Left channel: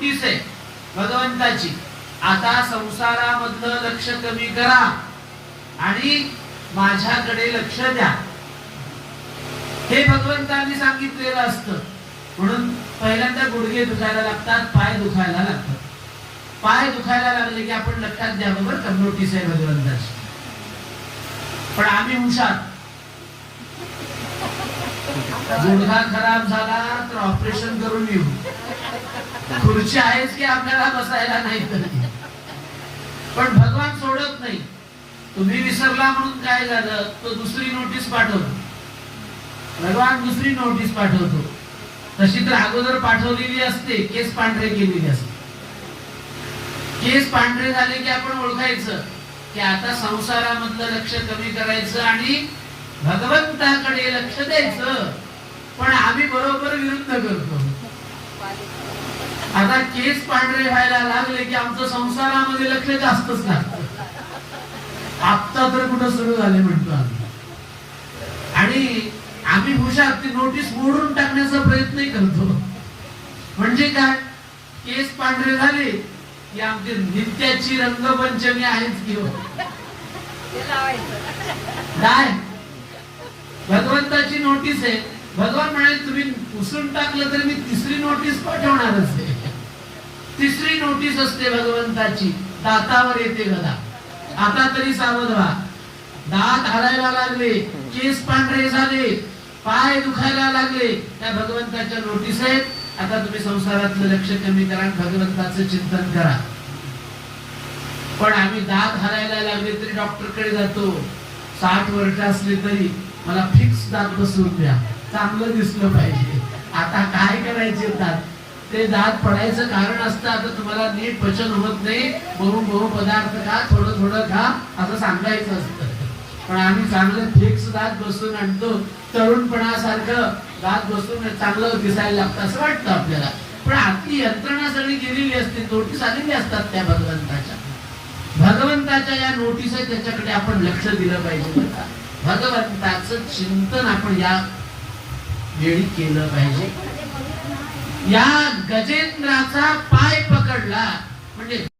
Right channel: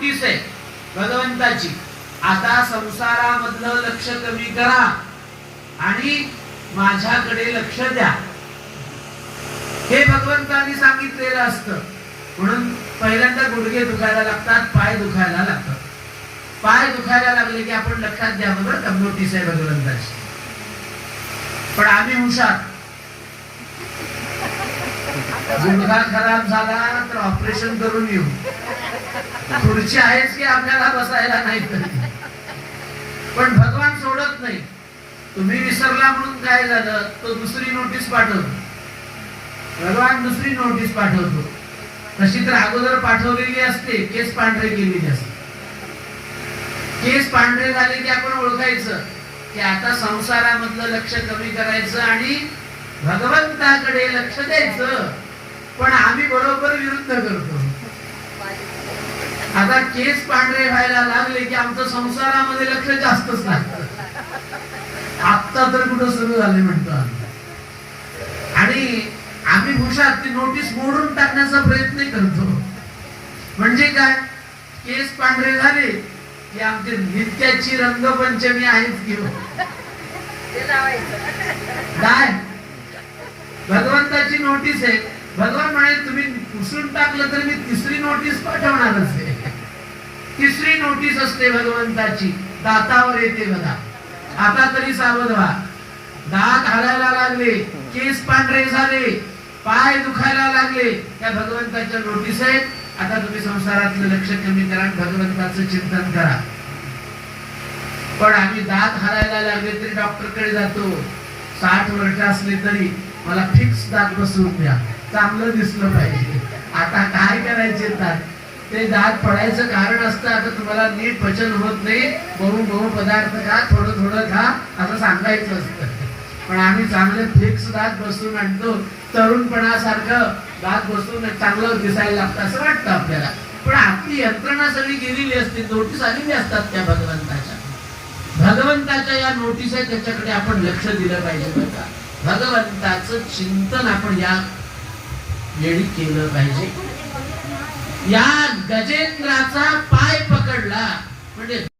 Notice आहे भगवंताची, आता संसारामधलं लक्ष कमी करा आणि माझ्याकडे लक्ष द्या, हे भगवंतांनी सांगितलेलं असतं. म्हणून पहिल्यांदा गुडघे दुखायला लागतात, पाय दुखायला लागतात. पाय दुखायला लागले की आपण लक्षात द्या, बरोबर का, नोटीस आहे भगवंताची. पण आम्ही हुशार, गुडघा खराब झाला तर ऑपरेशन करून येऊ, खुर्ची आहेच की आपल्याला बसायला नाही. पण भगवान सोडत नाही. तुम्ही विसरला म्हणून काय झालं, तो दुसरी नोटीस पाठवतो. भगवान दुसरी नोटीस पाठवतो. तशी तर अगोदर पाठवलेली असते, केस पांढरे केलेली असते. केस पांढरे झाले की आपण ओळखायचं की आता संसारामधलं लक्ष कमी करायचं आणि भगवंताकडे लक्ष द्यायचं. पण आम्ही बरोबर विरुद्ध करतो. आता केस पांढरे व्हायला लागले की आमचं संसारामध्ये लक्ष जास्तच लागतं. आता तर कुठं सुरू झाले म्हणतो आम्ही. आणि आम्ही हुशार, ती नोटीस मोडून टाकण्याचा प्रयत्न करतो. म्हणजे काय, केस पांढरे झाले की आमची नित्याची रंगपंचमी आहेच की काय, भगवंताची नोटीस आहे. भगवान म्हणाले तुम्ही पुसून टाकलं तर मी तिसरी नोटीस पाठवणारच आहे. तिसरी नोटीस असते भगवंताची, दातावर येते बघा. आता तरी सावध व्हा. दात हलायला लागले, केस पांढरे झाले, पाय दुखायला लागले, त्या भगवंताच्या नोटीस आहेत. आता तुम्ही संसारातलं लक्ष कमी करा, भगवंताचं चिंतन करा. पण आम्ही दात हलायला लागले तरी डॉक्टरकडे जातो. 60 वर्ष असली तरी मला फिक्स दात बसवून द्या, चांगलं दिसलं पाहिजे. आता काय करायचे, दात ते दात पडायचं कारण असतं आता तुम्हाला नीट पचन होत नाही, बहु पदार्थ खा, थोडं थोडं खा असं सांगायचं असतं. पण आम्ही चांगले फिक्स दात बसवून आणतो. तरुणपणासारखं दात बसवून चांगलं दिसायला लागतं असं वाटतं आपल्याला. पण आतली यंत्रणा सगळी गेलेली असते. नोटीस आलेली असतात त्या भगवंताच्या. भगवंताच्या या नोटीस आहे, त्याच्याकडे आपण लक्ष दिलं पाहिजे. भगवंताचं चिंतन आपण या वेळी केलं पाहिजे. या गजेंद्राचा पाय पकडला म्हणजे